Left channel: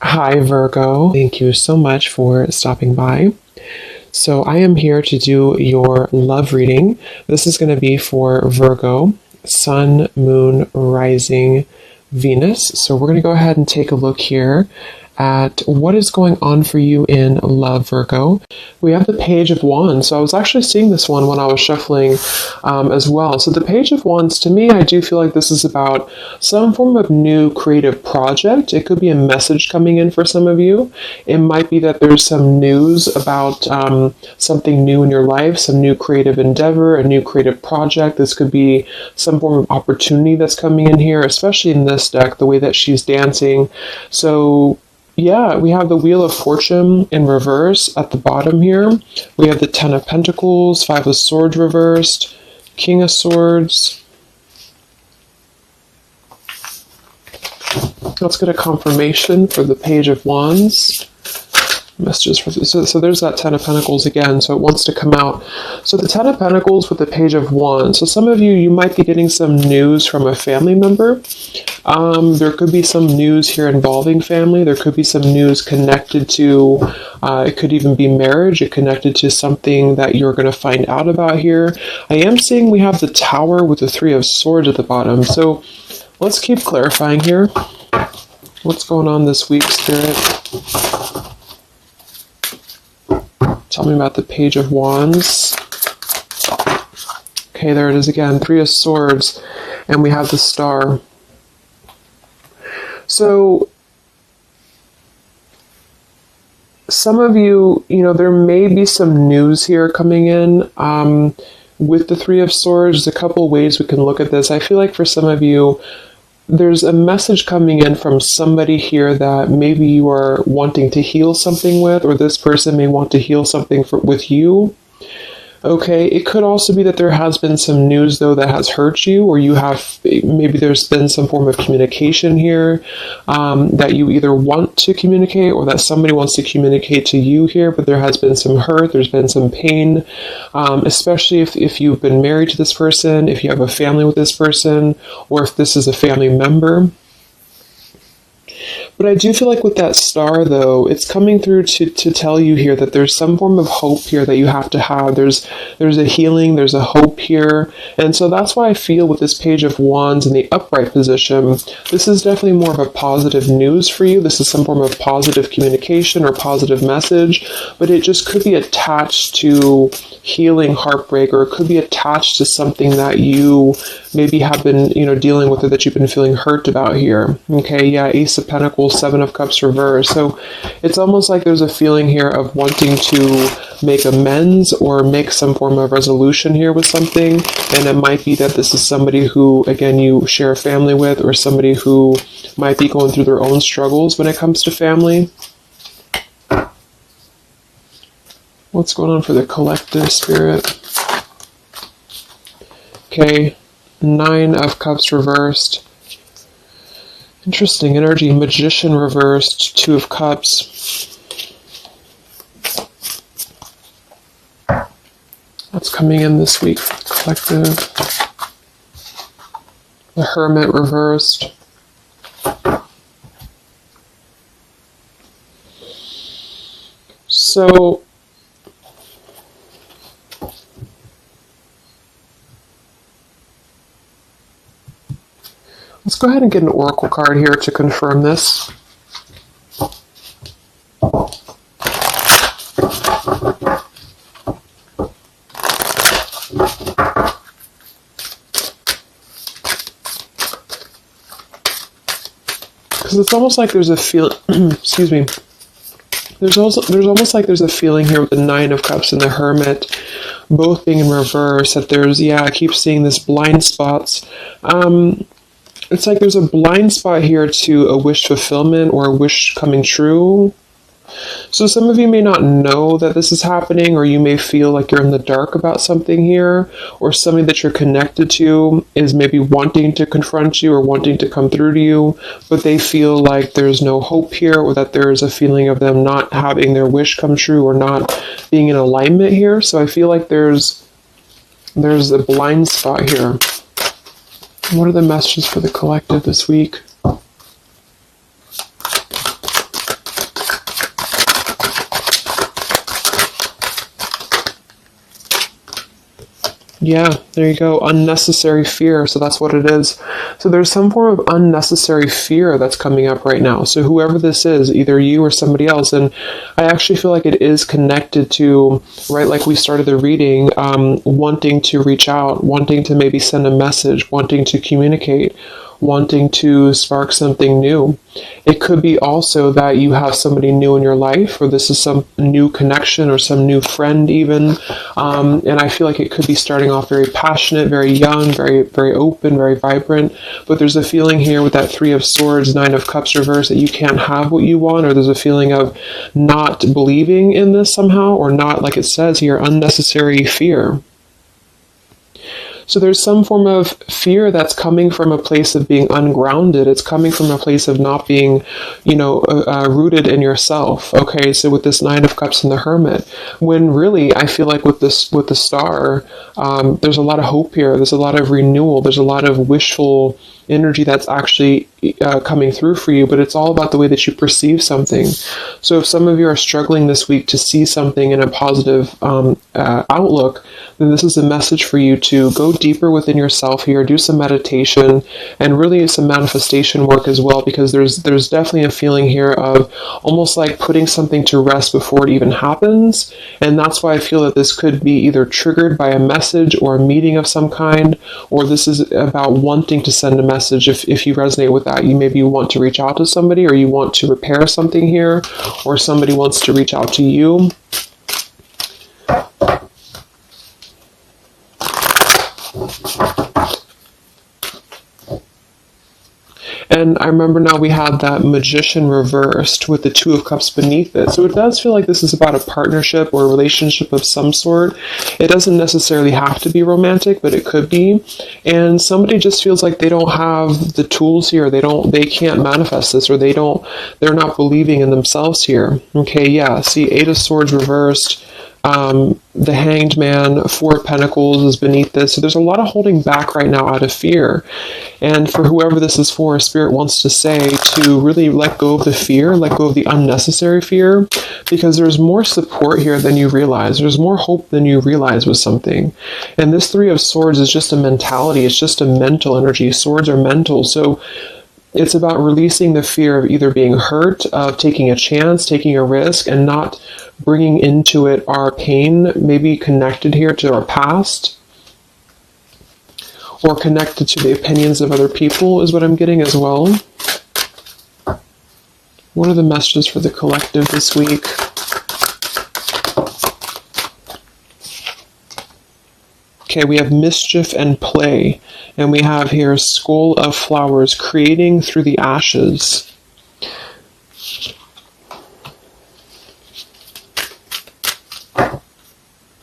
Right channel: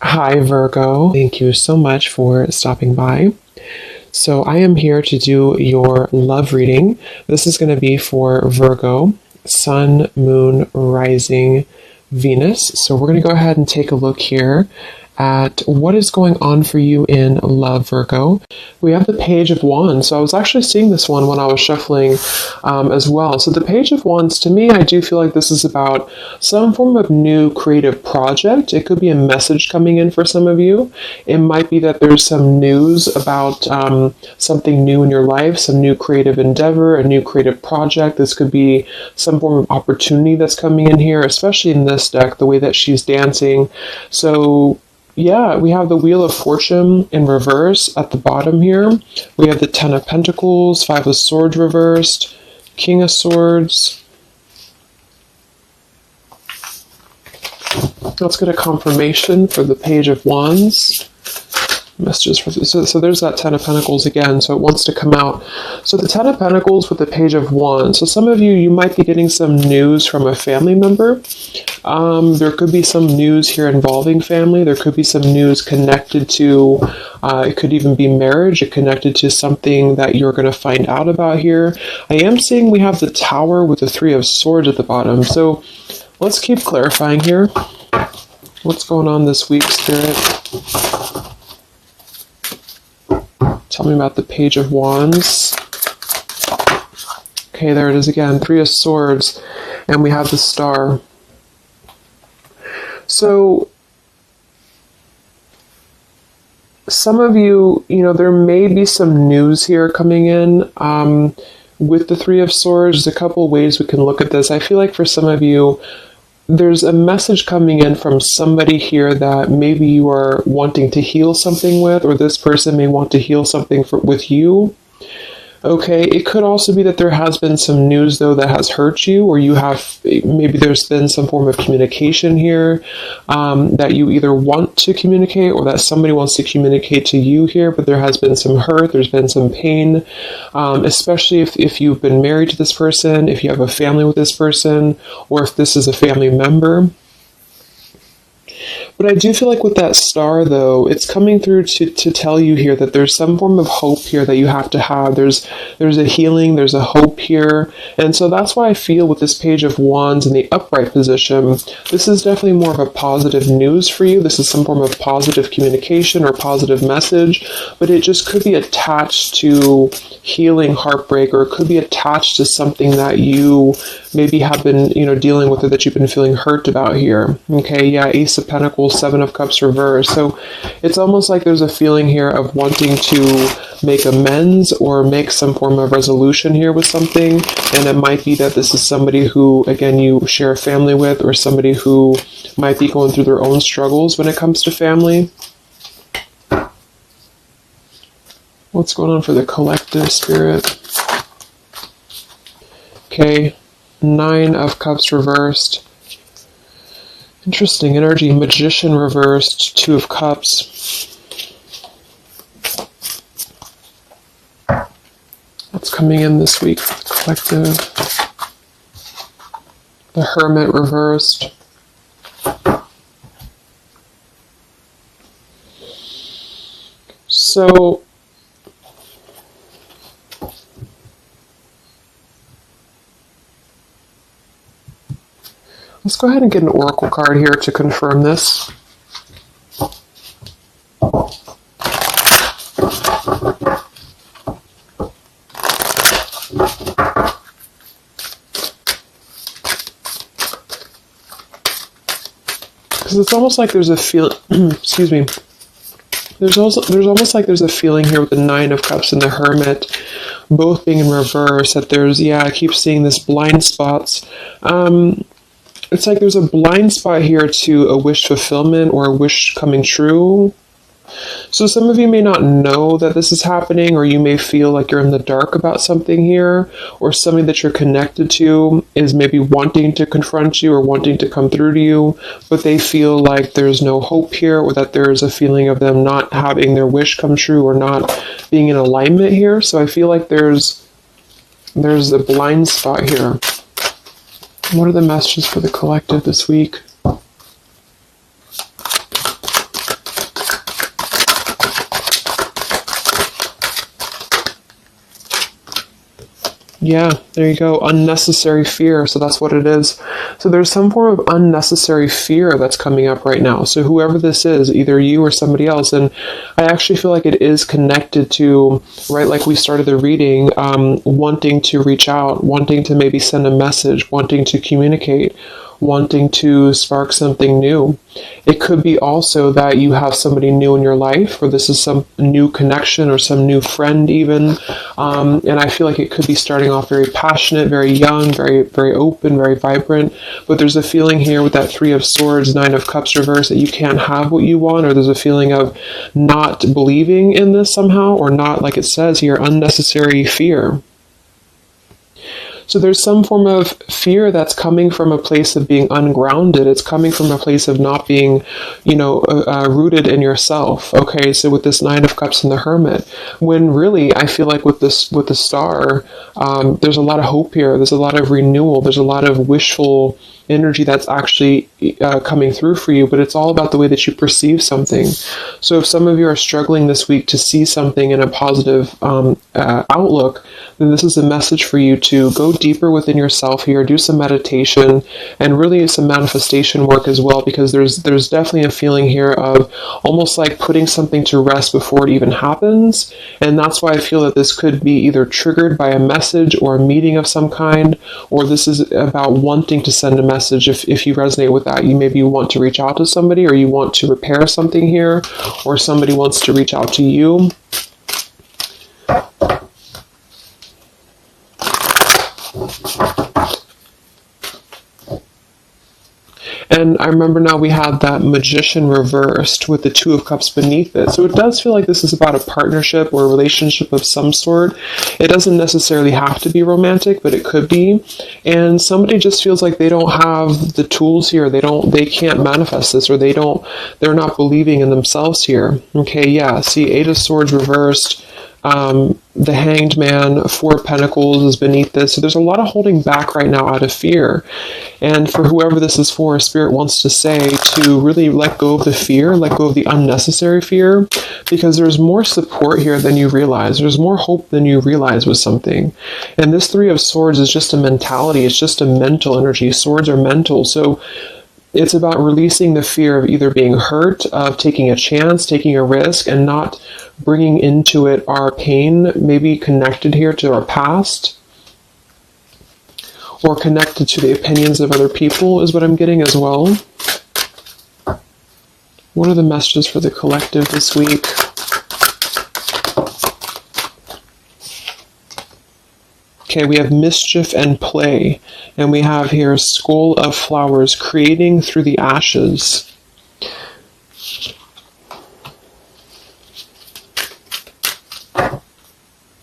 Hi, Virgo. Thank you so much for stopping by. So, I am here to do your love reading. This is going to be for Virgo, Sun, Moon, Rising, Venus. So, we're going to go ahead and take a look here at what is going on for you in love, Virgo. We have the Page of Wands. So I was actually seeing this one when I was shuffling as well. So the Page of Wands, to me, I do feel like this is about some form of new creative project. It could be a message coming in for some of you. It might be that there's some news about something new in your life, some new creative endeavor, a new creative project. This could be some form of opportunity that's coming in here, especially in this deck, the way that she's dancing. So yeah, we have the Wheel of Fortune in reverse at the bottom here. We have the Ten of Pentacles, Five of Swords reversed, King of Swords. Let's get a confirmation for the Page of Wands. Messages for so there's that Ten of Pentacles again, so it wants to come out. So the Ten of Pentacles with the Page of Wands. So some of you might be getting some news from a family member. There could be some news here involving family. There could be some news connected to, it could even be marriage. It connected to something that you're going to find out about here. I am seeing we have the Tower with the Three of Swords at the bottom. So let's keep clarifying here. What's going on this week, Spirit? Tell me about the Page of Wands. Okay, there it is again. Three of Swords. And we have the Star. So, some of you, there may be some news here coming in with the Three of Swords. There's a couple ways we can look at this. I feel like for some of you, there's a message coming in from somebody here that maybe you are wanting to heal something with, or this person may want to heal something with you. Okay, it could also be that there has been some news, though, that has hurt you, or maybe there's been some form of communication here that you either want to communicate or that somebody wants to communicate to you here, but there has been some hurt, there's been some pain, especially if you've been married to this person, if you have a family with this person, or if this is a family member. But I do feel like with that Star, though, it's coming through to tell you here that there's some form of hope here that you have to have. There's a healing, there's a hope here. And so that's why I feel with this Page of Wands in the upright position, this is definitely more of a positive news for you. This is some form of positive communication or positive message, but it just could be attached to healing heartbreak, or it could be attached to something that you maybe have been, dealing with, or that you've been feeling hurt about here. Okay, yeah, Ace of Pentacles, Seven of Cups reversed. So it's almost like there's a feeling here of wanting to make amends or make some form of resolution here with something. And it might be that this is somebody who, again, you share a family with, or somebody who might be going through their own struggles when it comes to family. What's going on for the collective, Spirit? Okay, Nine of Cups reversed. Interesting energy. Magician reversed. Two of Cups. What's coming in this week? Collective. The Hermit reversed. So, let's go ahead and get an oracle card here to confirm this. Because it's almost like there's a excuse me. There's almost like there's a feeling here with the Nine of Cups and the Hermit both being in reverse, that I keep seeing this blind spots. It's like there's a blind spot here to a wish fulfillment or a wish coming true. So some of you may not know that this is happening, or you may feel like you're in the dark about something here, or somebody that you're connected to is maybe wanting to confront you or wanting to come through to you, but they feel like there's no hope here, or that there's a feeling of them not having their wish come true or not being in alignment here. So I feel like there's a blind spot here. What are the messages for the collective this week? Yeah, there you go. Unnecessary fear. So that's what it is. So there's some form of unnecessary fear that's coming up right now. So whoever this is, either you or somebody else, and I actually feel like it is connected to, right, like we started the reading, wanting to reach out, wanting to maybe send a message, wanting to communicate, wanting to spark something new. It could be also that you have somebody new in your life, or this is some new connection or some new friend even. And I feel like it could be starting off very passionate, very young, very, very open, very vibrant. But there's a feeling here with that Three of Swords, Nine of Cups reverse, that you can't have what you want, or there's a feeling of not believing in this somehow, or not, like it says here, unnecessary fear. So there's some form of fear that's coming from a place of being ungrounded. It's coming from a place of not being, rooted in yourself. Okay, so with this Nine of Cups and the Hermit, when really I feel like with the Star, there's a lot of hope here. There's a lot of renewal. There's a lot of wishful energy that's actually coming through for you, but it's all about the way that you perceive something. So if some of you are struggling this week to see something in a positive outlook, then this is a message for you to go deeper within yourself here, do some meditation, and really some manifestation work as well, because there's definitely a feeling here of almost like putting something to rest before it even happens. And that's why I feel that this could be either triggered by a message or a meeting of some kind, or this is about wanting to send a message. If you resonate with that, maybe you want to reach out to somebody, or you want to repair something here, or somebody wants to reach out to you. And I remember now we have that Magician reversed with the Two of Cups beneath it. So it does feel like this is about a partnership or a relationship of some sort. It doesn't necessarily have to be romantic, but it could be. And somebody just feels like they don't have the tools here. They can't manifest this, or they're not believing in themselves here. Okay, yeah. See, Eight of Swords reversed. The Hanged Man, Four of Pentacles is beneath this. So there's a lot of holding back right now out of fear. And for whoever this is for, Spirit wants to say to really let go of the fear, let go of the unnecessary fear, because there's more support here than you realize. There's more hope than you realize with something. And this Three of Swords is just a mentality. It's just a mental energy. Swords are mental. So it's about releasing the fear of either being hurt, of taking a chance, taking a risk, and not bringing into it our pain, maybe connected here to our past, or connected to the opinions of other people is what I'm getting as well. What are the messages for the collective this week? Okay, we have mischief and play. And we have here Skull of Flowers, creating through the ashes.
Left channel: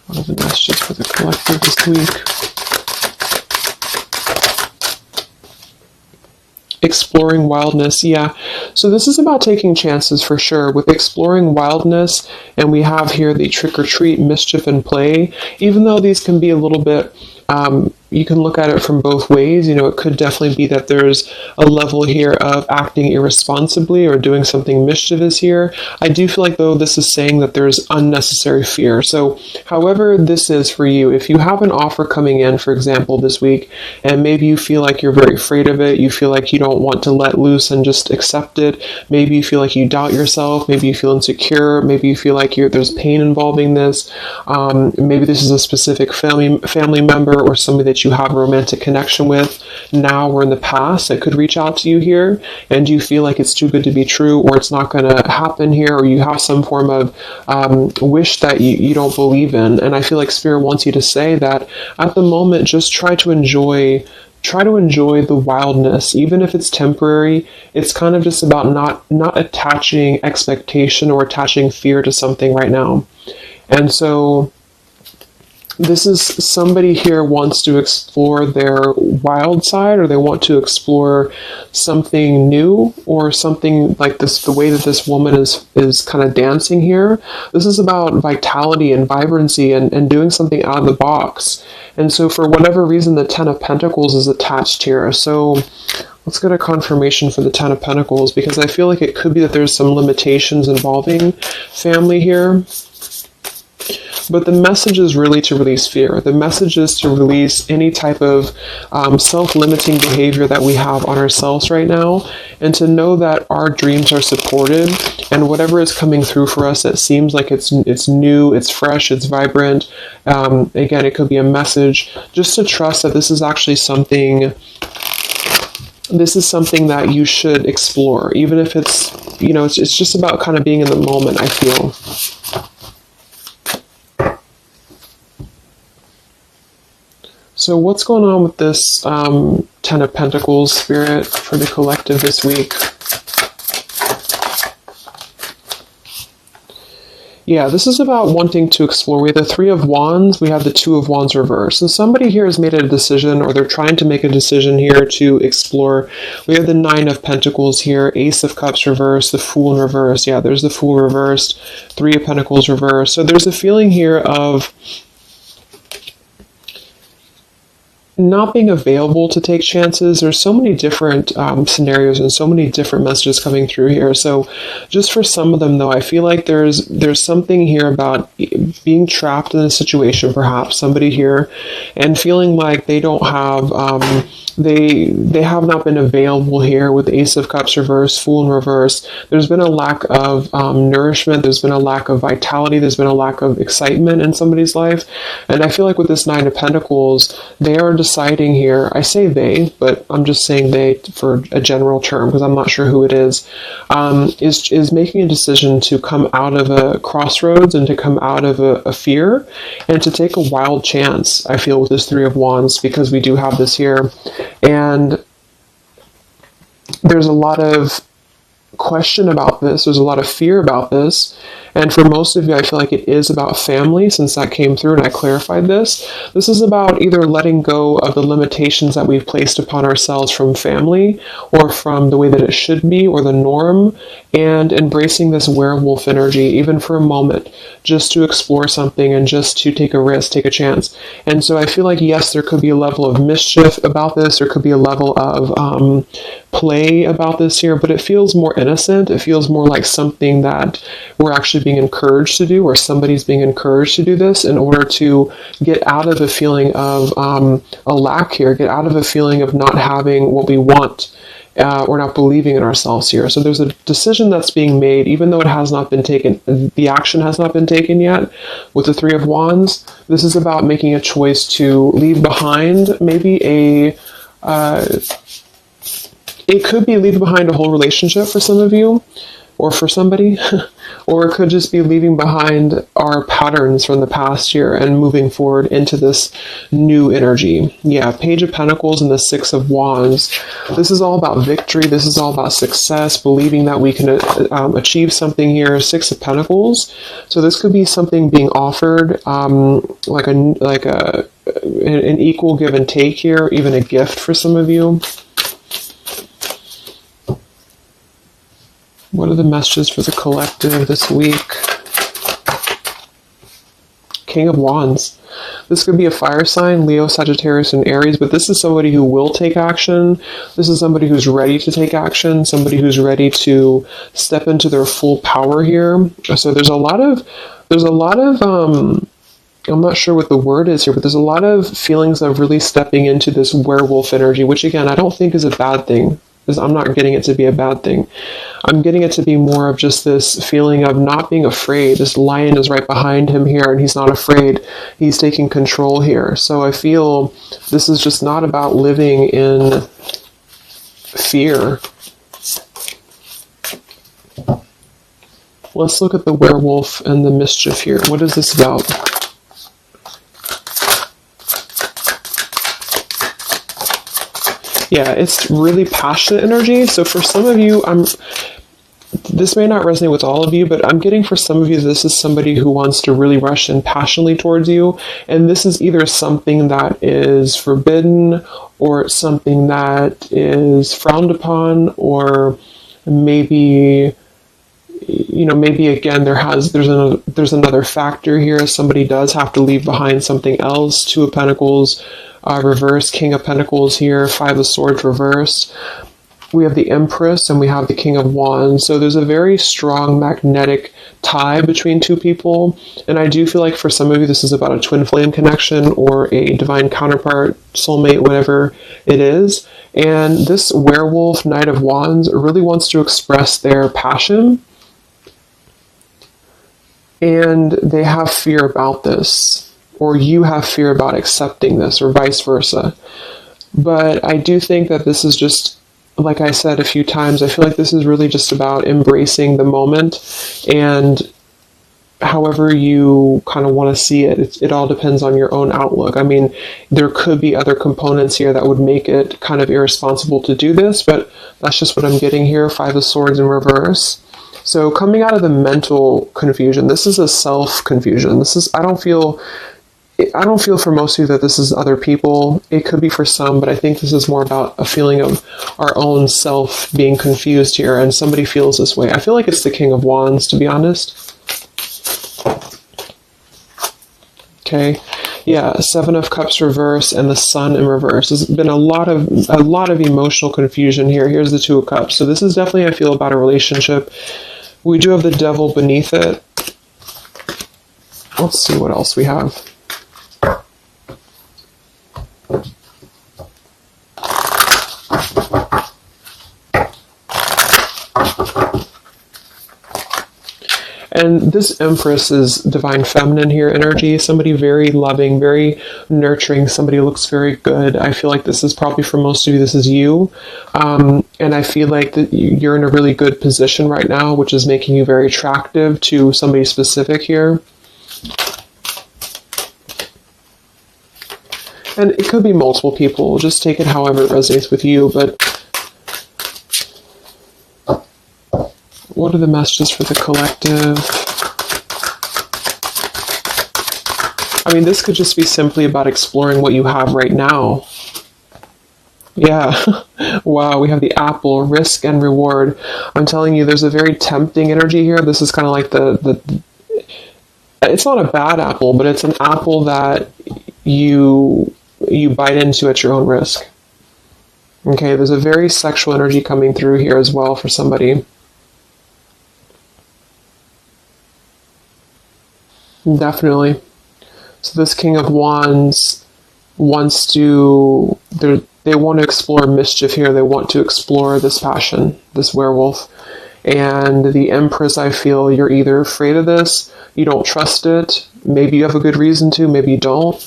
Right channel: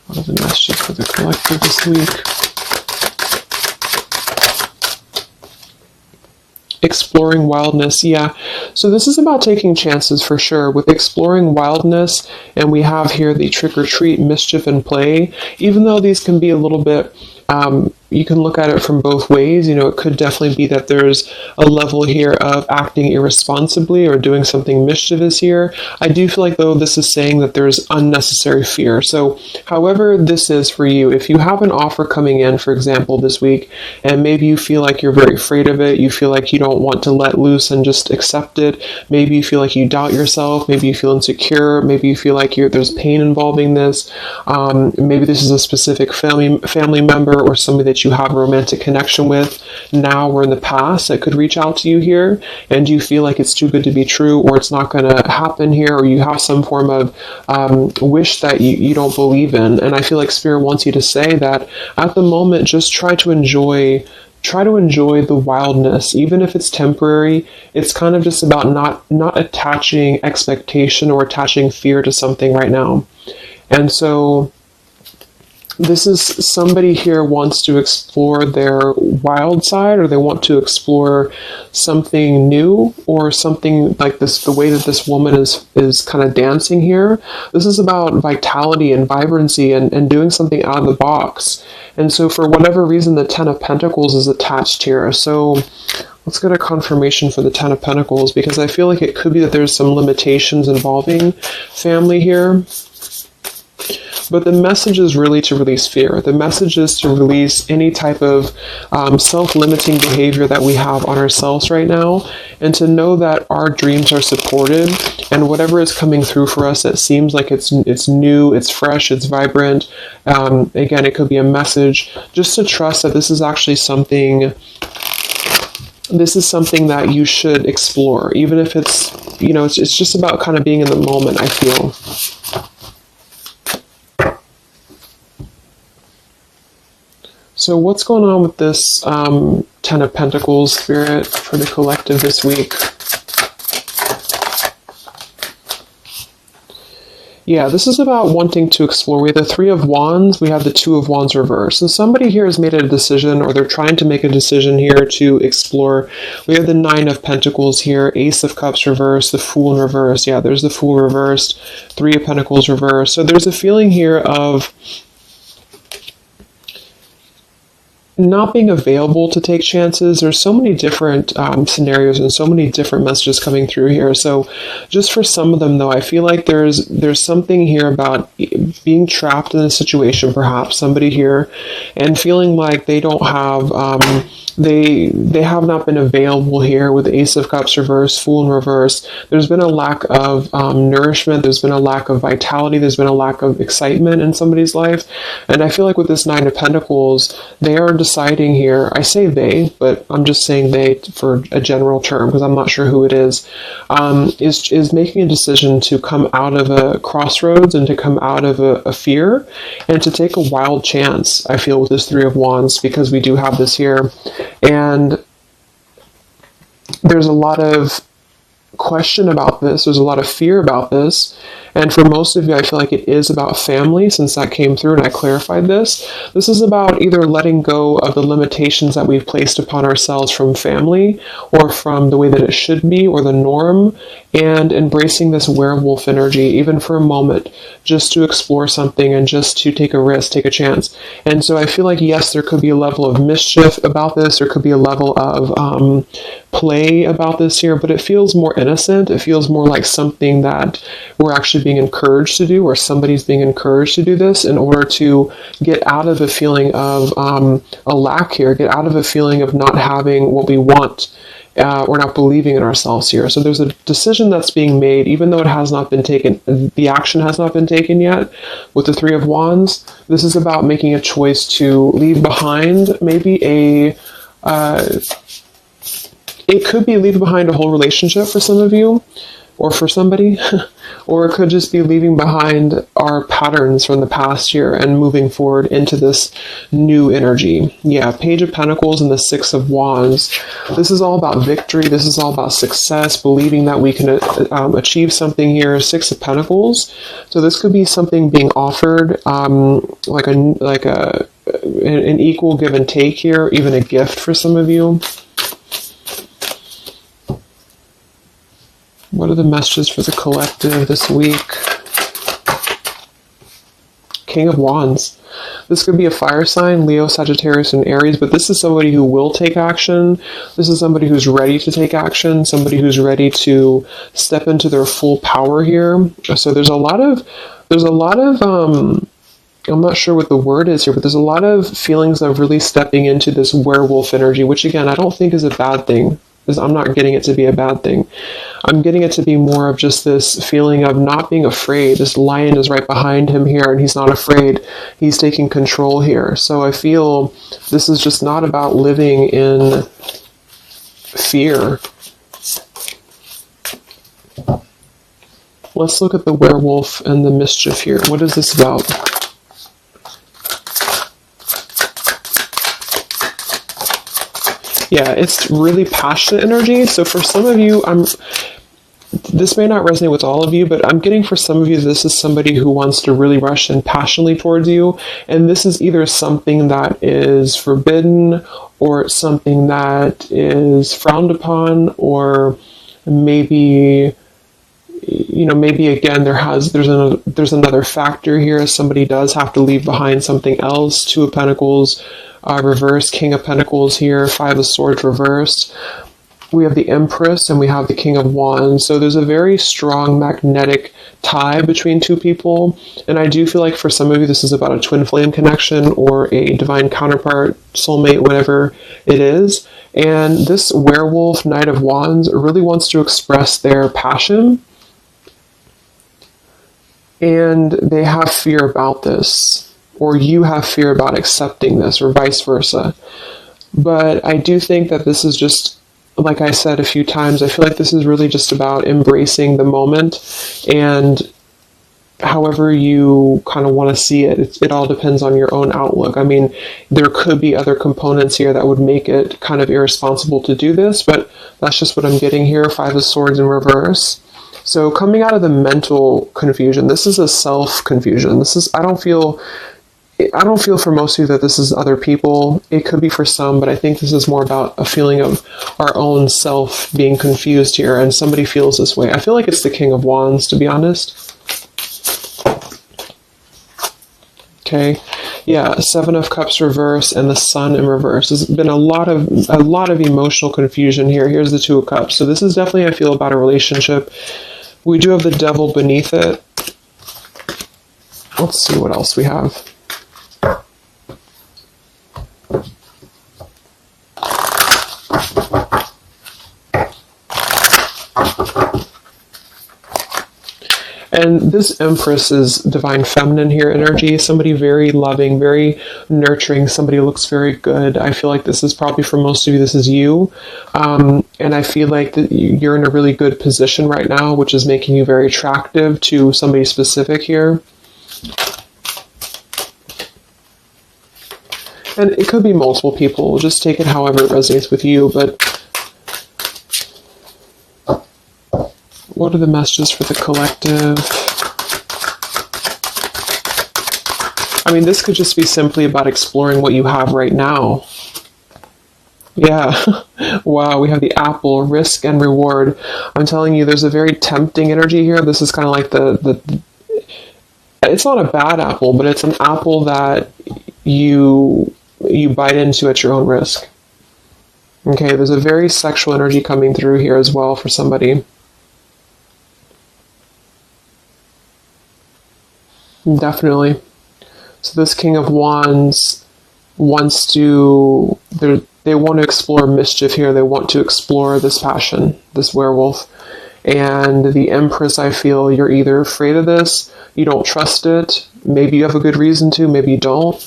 What are the messages for the collective this week? Exploring wildness, yeah. So this is about taking chances for sure with exploring wildness, and we have here the trick or treat, mischief and play. Even though these can be a little bit, you can look at it from both ways. It could definitely be that there's a level here of acting irresponsibly or doing something mischievous here. I do feel like, though, this is saying that there's unnecessary fear. So however this is for you, if you have an offer coming in, for example, this week, and maybe you feel like you're very afraid of it, you feel like you don't want to let loose and just accept it, maybe you feel like you doubt yourself, maybe you feel insecure, maybe you feel like there's pain involving this, maybe this is a specific family member or somebody that you have a romantic connection with now or in the past that could reach out to you here, and you feel like it's too good to be true, or it's not going to happen here, or you have some form of wish that you don't believe in. And I feel like Spirit wants you to say that at the moment, just try to enjoy the wildness, even if it's temporary. It's kind of just about not attaching expectation or attaching fear to something right now. And so this is somebody here wants to explore their wild side, or they want to explore something new, or something like this, the way that this woman is kind of dancing here. This is about vitality and vibrancy and doing something out of the box. And so for whatever reason, the Ten of Pentacles is attached here. So let's get a confirmation for the Ten of Pentacles, because I feel like it could be that there's some limitations involving family here. But the message is really to release fear. The message is to release any type of self-limiting behavior that we have on ourselves right now, and to know that our dreams are supported, and whatever is coming through for us that seems like it's new, it's fresh, it's vibrant. Again, it could be a message. Just to trust that this is actually something. This is something that you should explore, even if it's, it's just about kind of being in the moment, I feel. So what's going on with this Ten of Pentacles spirit for the collective this week? Yeah, this is about wanting to explore. We have the Three of Wands, we have the Two of Wands reversed. So somebody here has made a decision, or they're trying to make a decision here to explore. We have the Nine of Pentacles here, Ace of Cups reversed, the Fool in reverse. Yeah, there's the Fool reversed, Three of Pentacles reversed. So there's a feeling here of not being available to take chances. There's so many different scenarios and so many different messages coming through here. So just for some of them, though, I feel like there's something here about being trapped in a situation, perhaps somebody here, and feeling like they don't have they have not been available here with Ace of Cups reverse, Fool in reverse. There's been a lack of nourishment. There's been a lack of vitality. There's been a lack of excitement in somebody's life. And I feel like with this Nine of Pentacles, they are deciding here, I say they, but I'm just saying they for a general term because I'm not sure who it is making a decision to come out of a crossroads and to come out of a fear and to take a wild chance, I feel, with this Three of Wands, because we do have this here. And there's a lot of question about this. There's a lot of fear about this. And for most of you, I feel like it is about family, since that came through and I clarified this. This is about either letting go of the limitations that we've placed upon ourselves from family, or from the way that it should be, or the norm, and embracing this werewolf energy, even for a moment, just to explore something and just to take a risk, take a chance. And so I feel like, yes, there could be a level of mischief about this. There could be a level of play about this here, but it feels more innocent. It feels more like something that we're actually being encouraged to do, or somebody's being encouraged to do this in order to get out of a feeling of a lack here, get out of a feeling of not having what we want. Or not believing in ourselves here. So there's a decision that's being made, even though it has not been taken, the action has not been taken yet. With the Three of Wands, this is about making a choice to leave behind maybe it could be leaving behind a whole relationship for some of you, or for somebody, or it could just be leaving behind our patterns from the past year and moving forward into this new energy. Yeah, Page of Pentacles and the Six of Wands. This is all about victory. This is all about success, believing that we can achieve something here. Six of Pentacles. So this could be something being offered, like an equal give and take here, even a gift for some of you. What are the messages for the collective this week? King of Wands. This could be a fire sign, Leo, Sagittarius, and Aries, but this is somebody who will take action. This is somebody who's ready to take action, somebody who's ready to step into their full power here. So there's a lot of I'm not sure what the word is here, but there's a lot of feelings of really stepping into this werewolf energy, which again, I don't think is a bad thing. I'm not getting it to be a bad thing. I'm getting it to be more of just this feeling of not being afraid. This lion is right behind him here, and he's not afraid. He's taking control here. So I feel this is just not about living in fear. Let's look at the werewolf and the mischief here. What is this about? Yeah, it's really passionate energy. So for some of you, this may not resonate with all of you, but I'm getting for some of you, this is somebody who wants to really rush in passionately towards you. And this is either something that is forbidden, or something that is frowned upon, or maybe, maybe again, there's another factor here. Somebody does have to leave behind something else. Two of Pentacles reversed, King of Pentacles here, Five of Swords reversed. We have the Empress and we have the King of Wands. So there's a very strong magnetic tie between two people. And I do feel like for some of you, this is about a twin flame connection or a divine counterpart, soulmate, whatever it is. And this werewolf, Knight of Wands, really wants to express their passion. And they have fear about this, or you have fear about accepting this, or vice versa. But I do think that this is just, like I said a few times, I feel like this is really just about embracing the moment, and however you kind of want to see it, it all depends on your own outlook. I mean, there could be other components here that would make it kind of irresponsible to do this, but that's just what I'm getting here. Five of Swords in reverse. So coming out of the mental confusion, this is a self-confusion. I don't feel for most of you that this is other people. It could be for some, but I think this is more about a feeling of our own self being confused here, and somebody feels this way. I feel like it's the King of Wands, to be honest. Okay, yeah, Seven of Cups reverse and the Sun in reverse. There's been a lot of emotional confusion here. Here's the Two of Cups. So this is definitely, I feel, about a relationship. We do have the Devil beneath it. Let's see what else we have. And this Empress is divine feminine here energy. Somebody very loving, very nurturing. Somebody who looks very good. I feel like this is probably for most of you, this is you. And I feel like that you're in a really good position right now, which is making you very attractive to somebody specific here. And it could be multiple people. Just take it however it resonates with you. But what are the messages for the collective? I mean, this could just be simply about exploring what you have right now. Yeah. Wow, we have the apple, risk and reward. I'm telling you, there's a very tempting energy here. This is kind of like the it's not a bad apple, but it's an apple that you bite into at your own risk. Okay, there's a very sexual energy coming through here as well for somebody. Definitely. So this King of Wands wants to, they want to explore mischief here. They want to explore this passion, this werewolf. And the Empress, I feel you're either afraid of this, you don't trust it, maybe you have a good reason to, maybe you don't.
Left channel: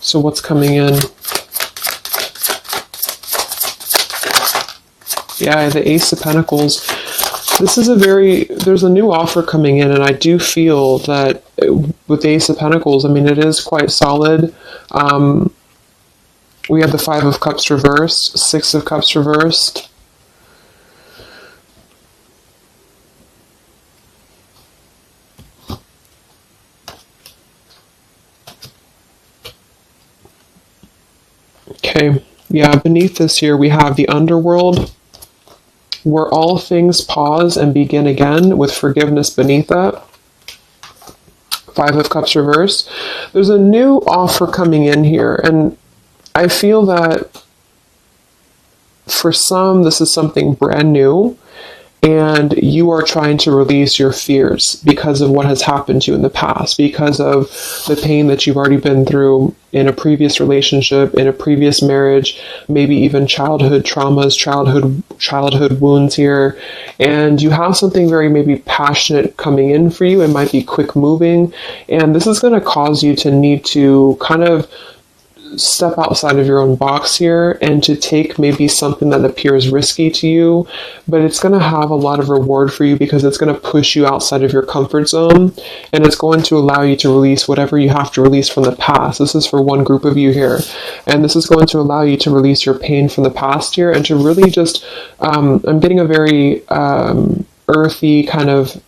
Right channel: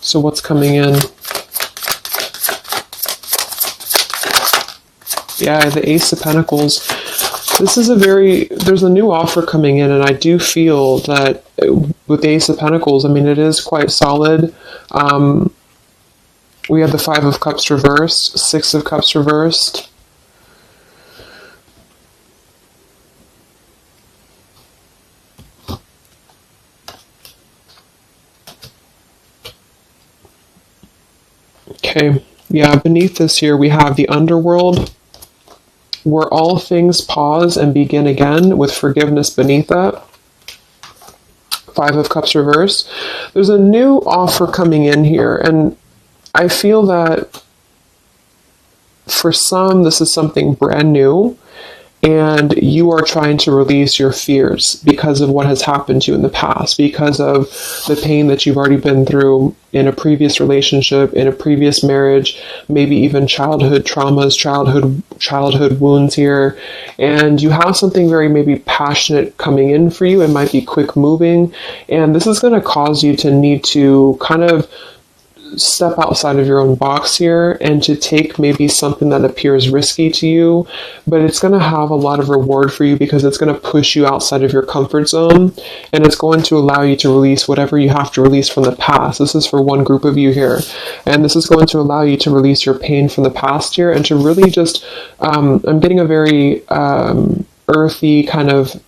So what's coming in? Yeah, the Ace of Pentacles. This is there's a new offer coming in, and I do feel that with the Ace of Pentacles, I mean, it is quite solid. We have the Five of Cups reversed, Six of Cups reversed. Okay, yeah, beneath this here we have the Underworld, where all things pause and begin again, with forgiveness beneath that. Five of Cups reversed. There's a new offer coming in here, and I feel that for some, this is something brand new, and you are trying to release your fears because of what has happened to you in the past, because of the pain that you've already been through in a previous relationship, in a previous marriage, maybe even childhood traumas, childhood wounds here. And you have something very maybe passionate coming in for you. It might be quick moving, and this is going to cause you to need to kind of step outside of your own box here and to take maybe something that appears risky to you, but it's going to have a lot of reward for you because it's going to push you outside of your comfort zone, and it's going to allow you to release whatever you have to release from the past. This is for one group of you here, and this is going to allow you to release your pain from the past here and to really just I'm getting a very earthy kind of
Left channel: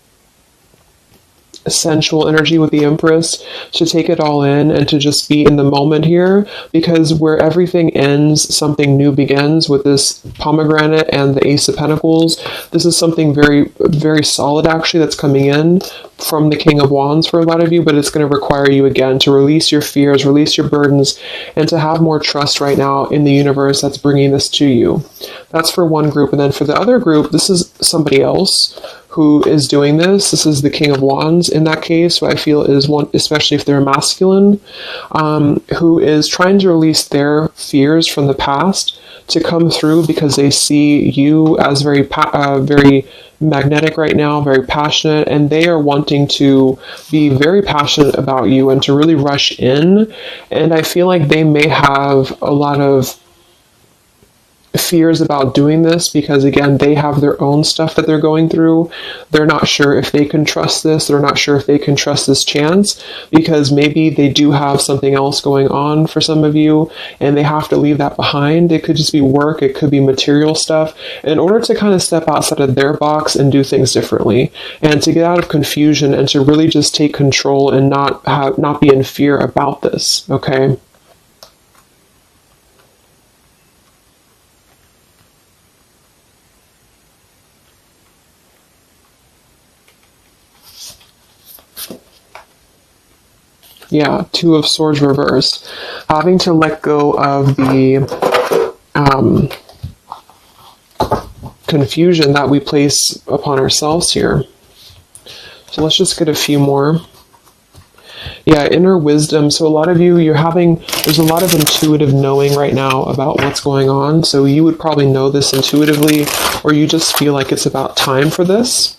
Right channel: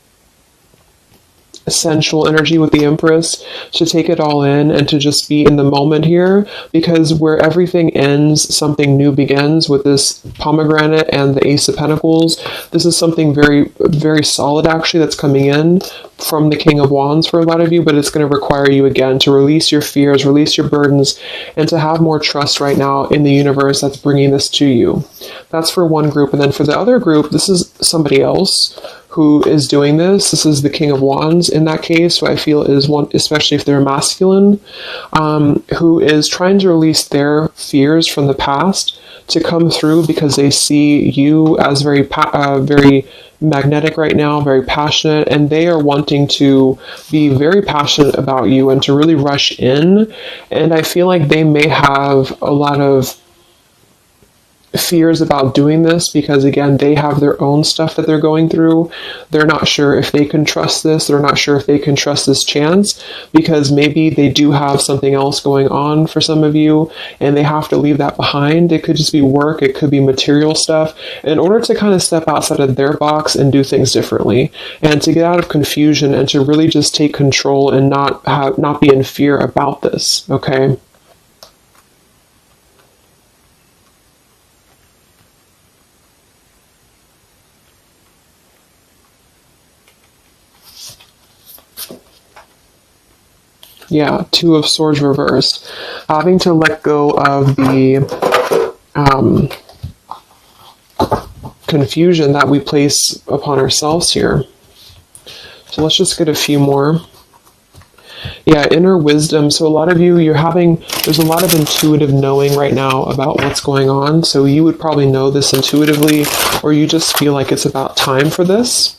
sensual energy with the Empress, to take it all in and to just be in the moment here, because where everything ends, something new begins with this pomegranate and the Ace of Pentacles. This is something very, very solid actually that's coming in from the King of Wands for a lot of you, but it's going to require you again to release your fears, release your burdens, and to have more trust right now in the universe that's bringing this to you. That's for one group. And then for the other group, this is somebody else who is doing this. This is the King of Wands in that case, I feel is one, especially if they're masculine, who is trying to release their fears from the past to come through because they see you as very magnetic right now, very passionate, and they are wanting to be very passionate about you and to really rush in. And I feel like they may have a lot of fears about doing this because, again, they have their own stuff that they're going through. They're not sure if they can trust this. They're not sure if they can trust this chance because maybe they do have something else going on for some of you and they have to leave that behind. It could just be work. It could be material stuff in order to kind of step outside of their box and do things differently and to get out of confusion and to really just take control and not be in fear about this. Okay. Yeah, Two of Swords reversed. Having to let go of the confusion that we place upon ourselves here. So let's just get a few more. Yeah, inner wisdom. So a lot of you, there's a lot of intuitive knowing right now about what's going on. So you would probably know this intuitively, or you just feel like it's about time for this.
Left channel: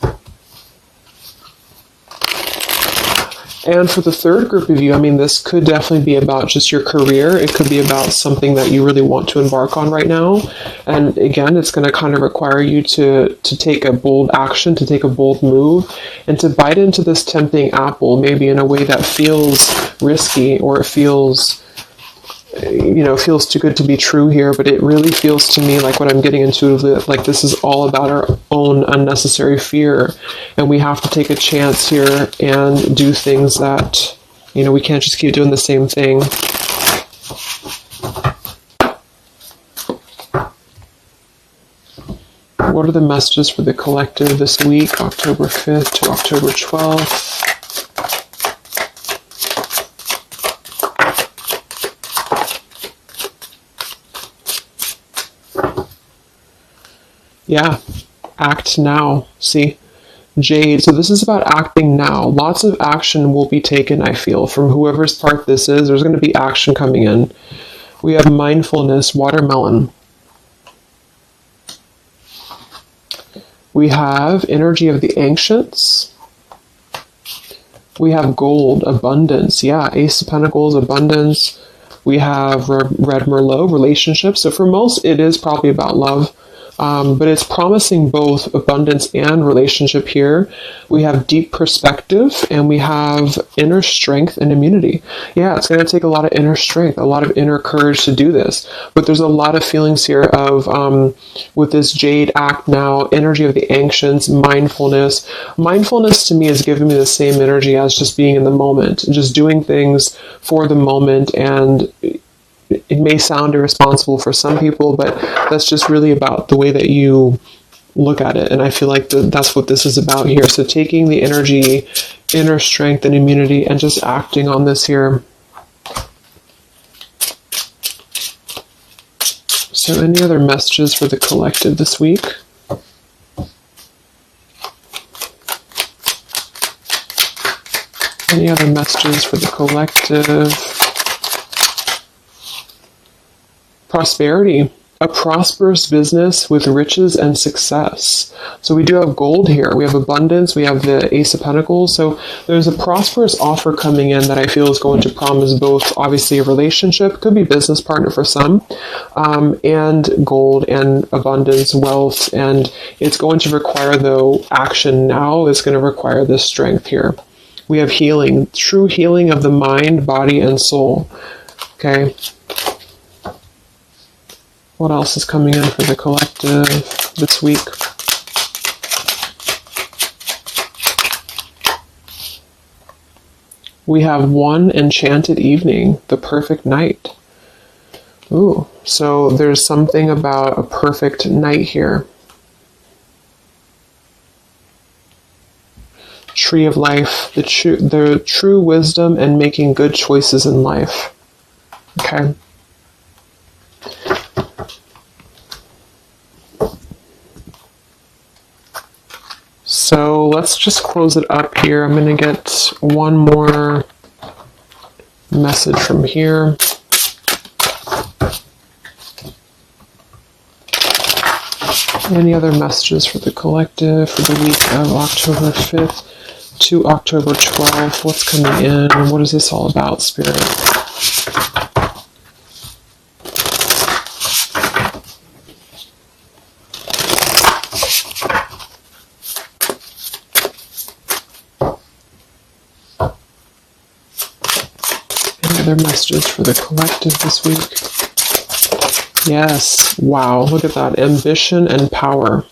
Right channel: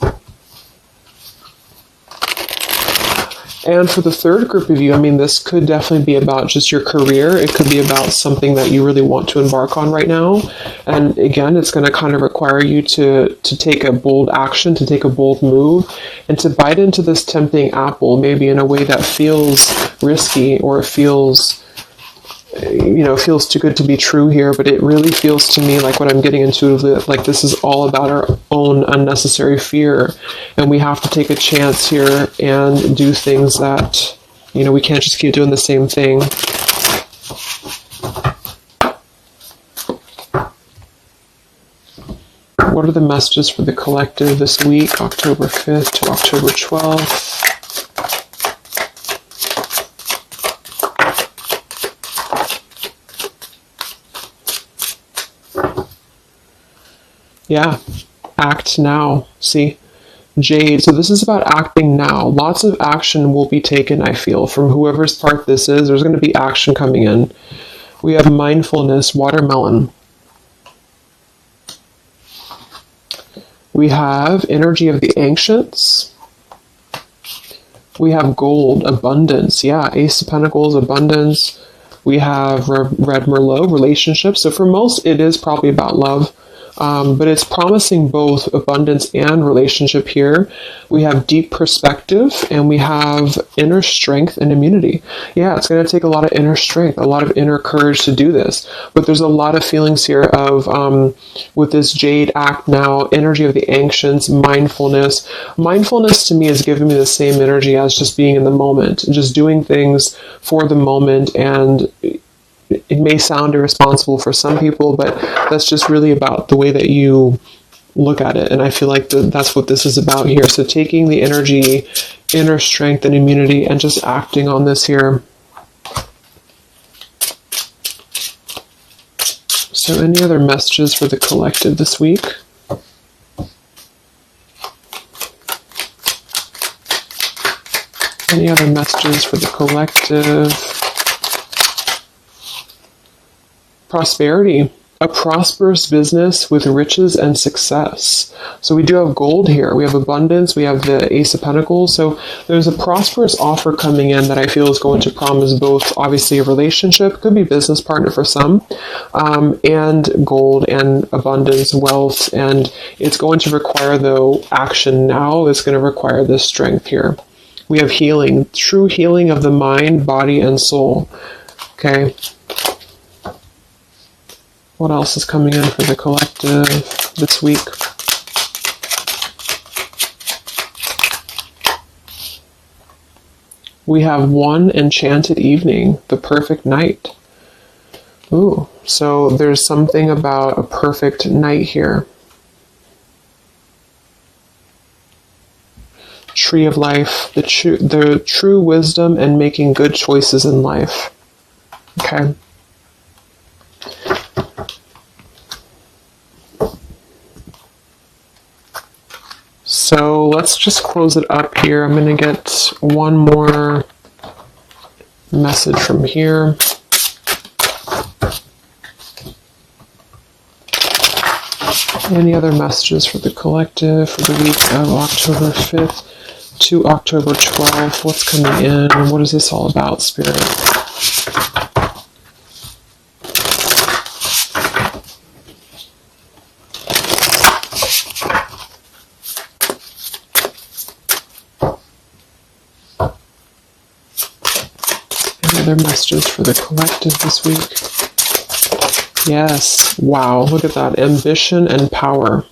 And for the third group of you, this could definitely be about just your career. It could be about something that you really want to embark on right now. And again, it's going to kind of require you to take a bold action, to take a bold move, and to bite into this tempting apple, maybe in a way that feels risky or it feels too good to be true here, but it really feels to me like what I'm getting intuitively, like this is all about our own unnecessary fear, and we have to take a chance here and do things that, we can't just keep doing the same thing. What are the messages for the collective this week, October 5th to October 12th? Yeah, act now. See, Jade. So this is about acting now. Lots of action will be taken, I feel, from whoever's part this is. There's going to be action coming in. We have mindfulness, watermelon. We have energy of the ancients. We have gold, abundance. Yeah, Ace of Pentacles, abundance. We have Red Merlot, relationships. So for most, it is probably about love. But it's promising both abundance and relationship here. We have deep perspective and we have inner strength and immunity. Yeah, it's going to take a lot of inner strength, a lot of inner courage to do this. But there's a lot of feelings here of, with this Jade, act now, energy of the ancients, mindfulness. Mindfulness to me is giving me the same energy as just being in the moment, just doing things for the moment. And it may sound irresponsible for some people, but that's just really about the way that you look at it. And I feel like that's what this is about here. So taking the energy, inner strength and immunity, and just acting on this here. So any other messages for the collective this week? Any other messages for the collective? Prosperity, a prosperous business with riches and success. So we do have gold here. We have abundance. We have the Ace of Pentacles. So there's a prosperous offer coming in that I feel is going to promise both, obviously, a relationship, could be business partner for some, and gold and abundance, wealth. And it's going to require, though, action now. It's going to require this strength here. We have healing, true healing of the mind, body, and soul. Okay. What else is coming in for the collective this week? We have one enchanted evening, the perfect night. Ooh, so there's something about a perfect night here. Tree of life, the true wisdom and making good choices in life. Okay. So let's just close it up here. I'm going to get one more message from here. Any other messages for the collective for the week of October 5th to October 12th? What's coming in? What is this all about, Spirit? Any other messages for the collective this week? Yes. Wow. Look at that. Ambition and power.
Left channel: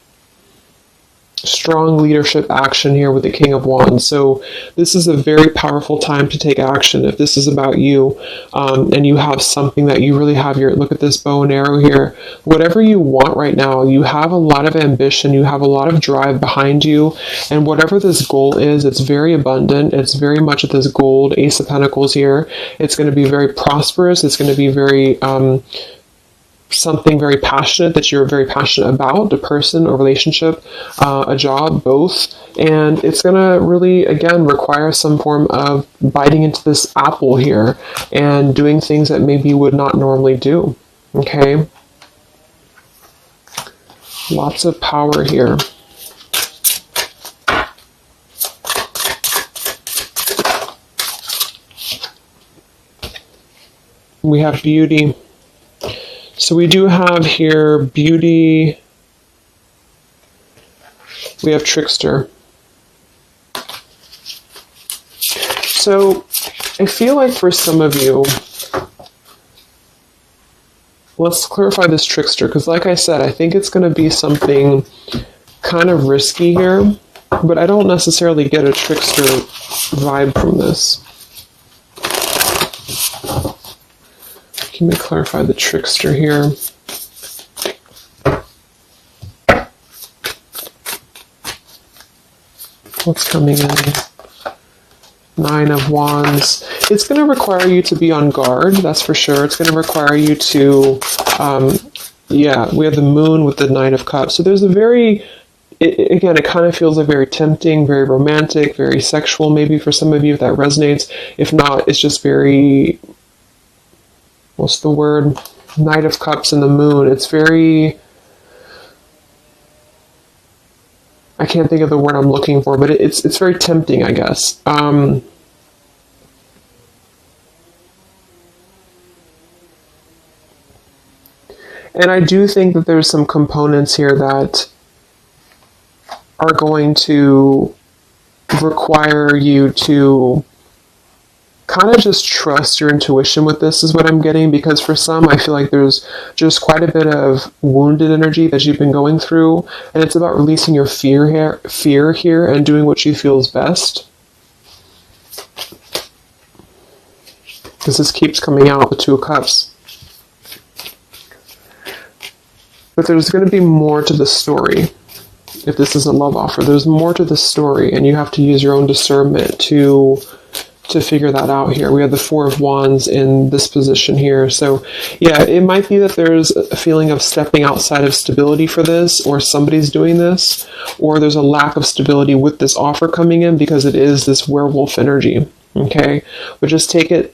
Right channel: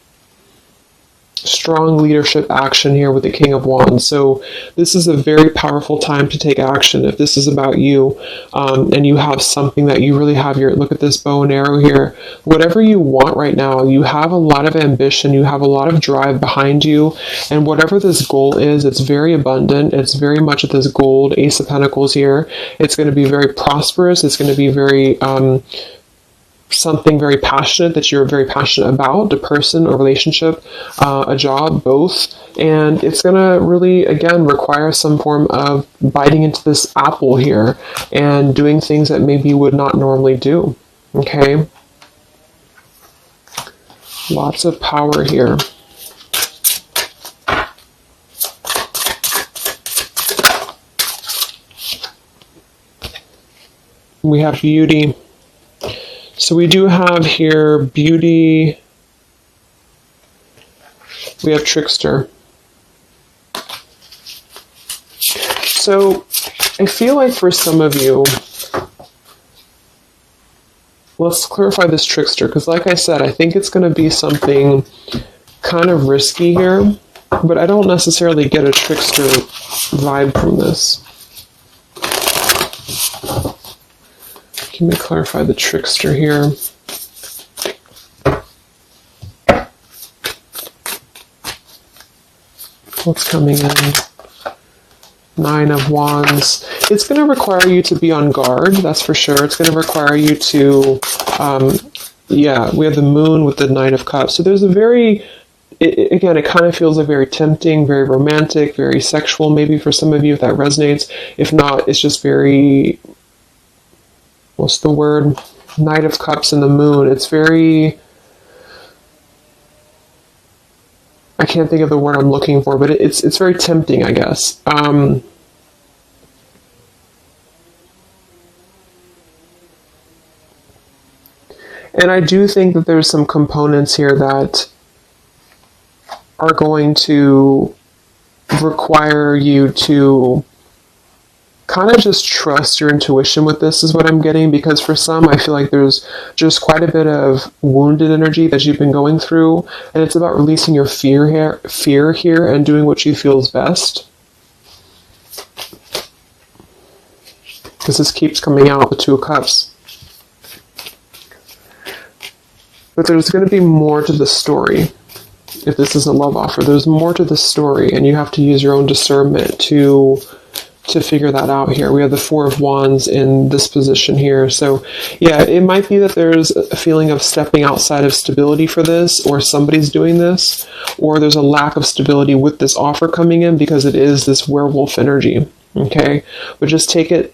Strong leadership action here with the King of Wands. So this is a very powerful time to take action. If this is about you, and you have something that you really have your, look at this bow and arrow here. Whatever you want right now, you have a lot of ambition. You have a lot of drive behind you. And whatever this goal is, it's very abundant. It's very much at this gold Ace of Pentacles here. It's going to be very prosperous. It's going to be very, something very passionate that you're very passionate about, a person, a relationship, a job, both. And it's going to really, again, require some form of biting into this apple here and doing things that maybe you would not normally do. Okay? Lots of power here. We have beauty. So we do have here beauty. We have trickster. So I feel like for some of you, let's clarify this trickster, because like I said, I think it's going to be something kind of risky here, but I don't necessarily get a trickster vibe from this. Let me clarify the trickster here. What's coming in? Nine of Wands. It's going to require you to be on guard, that's for sure. It's going to require you to, we have the Moon with the Nine of Cups. So there's a very, again, it kind of feels like very tempting, very romantic, very sexual, maybe for some of you if that resonates. If not, it's just very, what's the word? Knight of Cups and the Moon. It's very, I can't think of the word I'm looking for, but it's very tempting, I guess. And I do think that there's some components here that are going to require you to kind of just trust your intuition with this, is what I'm getting, because for some, I feel like there's just quite a bit of wounded energy that you've been going through, and it's about releasing your fear here and doing what you feel is best. This keeps coming out, the Two of Cups. But there's going to be more to the story. If this is a love offer, there's more to the story, and you have to use your own discernment to figure that out here. We have the Four of Wands in this position here. So yeah, it might be that there's a feeling of stepping outside of stability for this, or somebody's doing this, or there's a lack of stability with this offer coming in because it is this werewolf energy. Okay, but just take it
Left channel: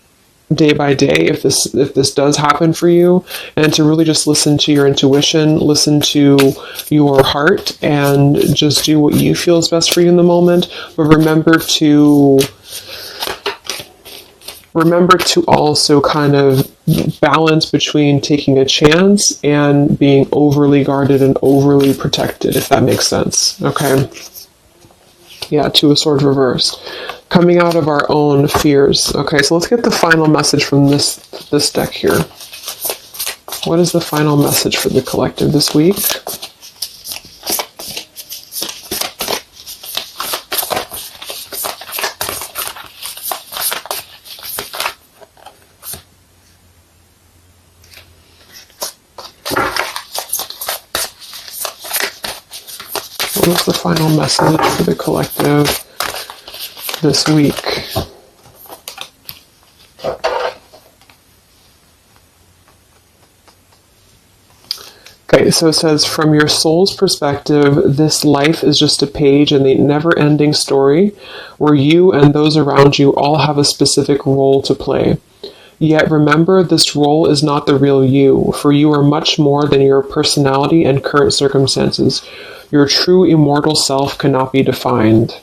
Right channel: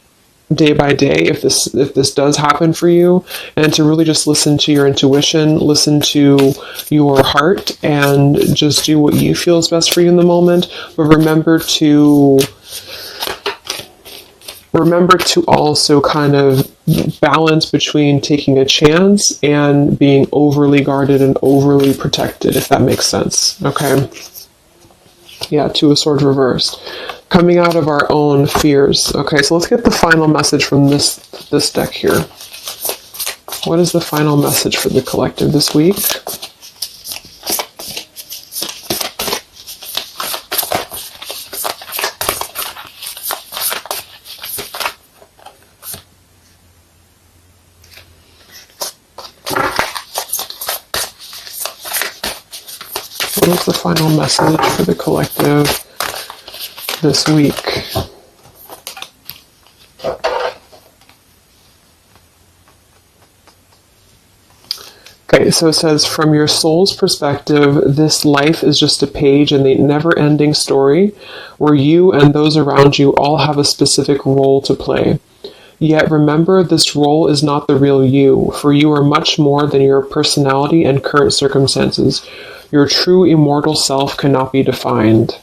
day by day if this does happen for you, and to really just listen to your intuition, listen to your heart, and just do what you feel is best for you in the moment. But remember to also kind of balance between taking a chance and being overly guarded and overly protected, if that makes sense. Okay? Yeah, Two of Swords reversed. Coming out of our own fears. Okay, so let's get the final message from this deck here. What is the final message for the collective this week? What is the final message for the collective this week? Okay, so it says, from your soul's perspective, this life is just a page in the never-ending story where you and those around you all have a specific role to play. Yet remember, this role is not the real you, for you are much more than your personality and current circumstances. Your true immortal self cannot be defined.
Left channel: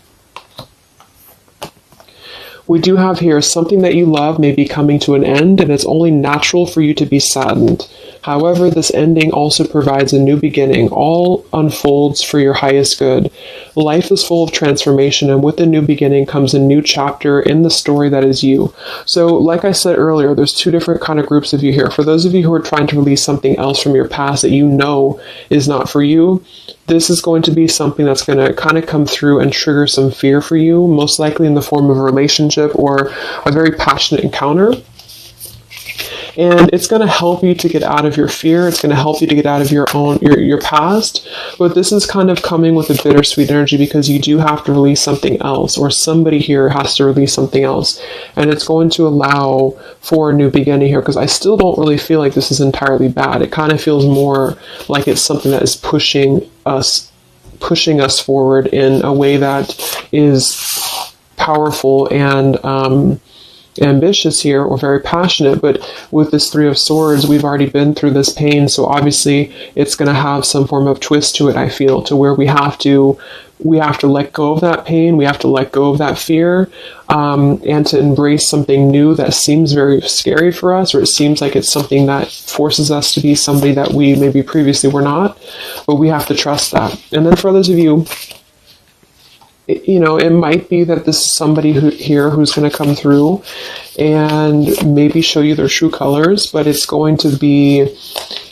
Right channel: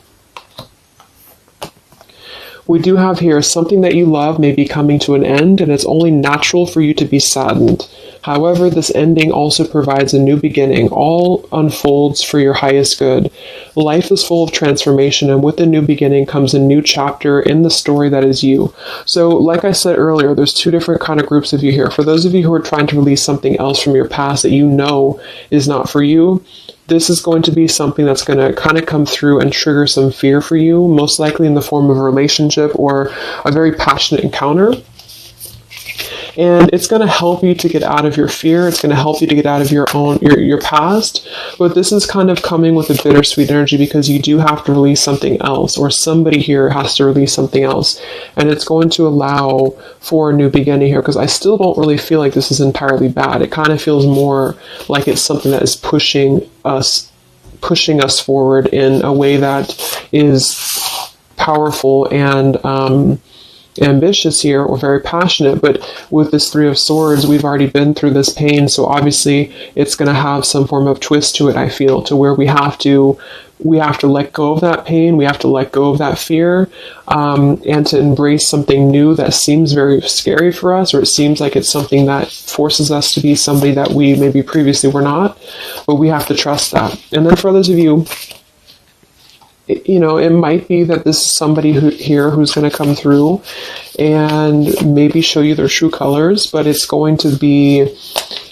We do have here, something that you love may be coming to an end, and it's only natural for you to be saddened. However, this ending also provides a new beginning. All unfolds for your highest good. Life is full of transformation, and with the new beginning comes a new chapter in the story that is you. So, like I said earlier, there's two different kind of groups of you here. For those of you who are trying to release something else from your past that you know is not for you, this is going to be something that's going to kind of come through and trigger some fear for you, most likely in the form of a relationship or a very passionate encounter. And it's going to help you to get out of your fear. It's going to help you to get out of your past. But this is kind of coming with a bittersweet energy because you do have to release something else, or somebody here has to release something else. And it's going to allow for a new beginning here, because I still don't really feel like this is entirely bad. It kind of feels more like it's something that is pushing us forward in a way that is powerful and ambitious here, or very passionate. But with this Three of Swords, we've already been through this pain, so obviously it's going to have some form of twist to it, I feel, to where we have to let go of that pain, we have to let go of that fear, and to embrace something new that seems very scary for us, or it seems like it's something that forces us to be somebody that we maybe previously were not, but we have to trust that. And then for others of you, you know, it might be that this is somebody who's going to come through and maybe show you their true colors, but that's going to be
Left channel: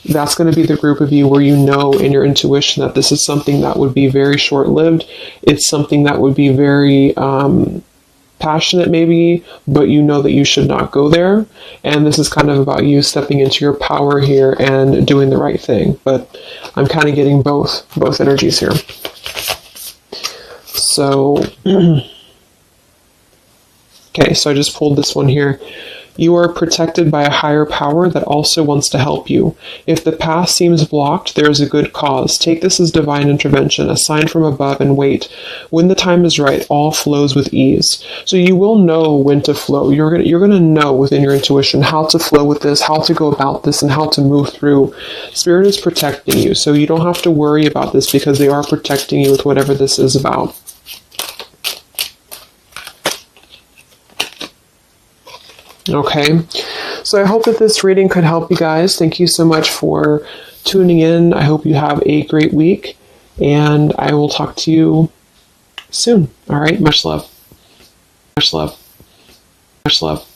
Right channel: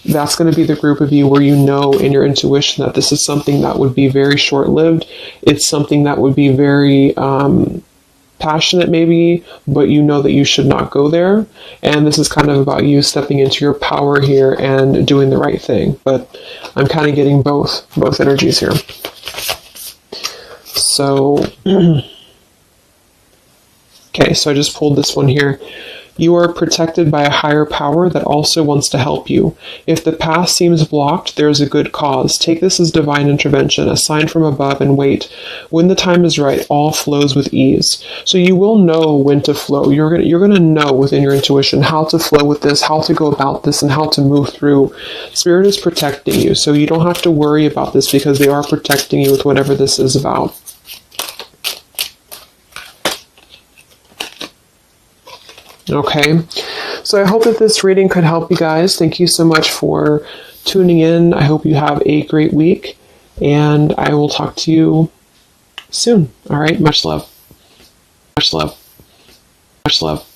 the group of you where you know in your intuition that this is something that would be very short-lived. It's something that would be very passionate maybe, but you know that you should not go there. And this is kind of about you stepping into your power here and doing the right thing. But I'm kind of getting both energies here. So, okay, so I just pulled this one here. You are protected by a higher power that also wants to help you. If the path seems blocked, there is a good cause. Take this as divine intervention, a sign from above, and wait. When the time is right, all flows with ease. So you will know when to flow. You're going to know within your intuition how to flow with this, how to go about this, and how to move through. Spirit is protecting you, so you don't have to worry about this because they are protecting you with whatever this is about. Okay, so I hope that this reading could help you guys. Thank you so much for tuning in. I hope you have a great week, and I will talk to you soon. All right, much love. Much love. Much love.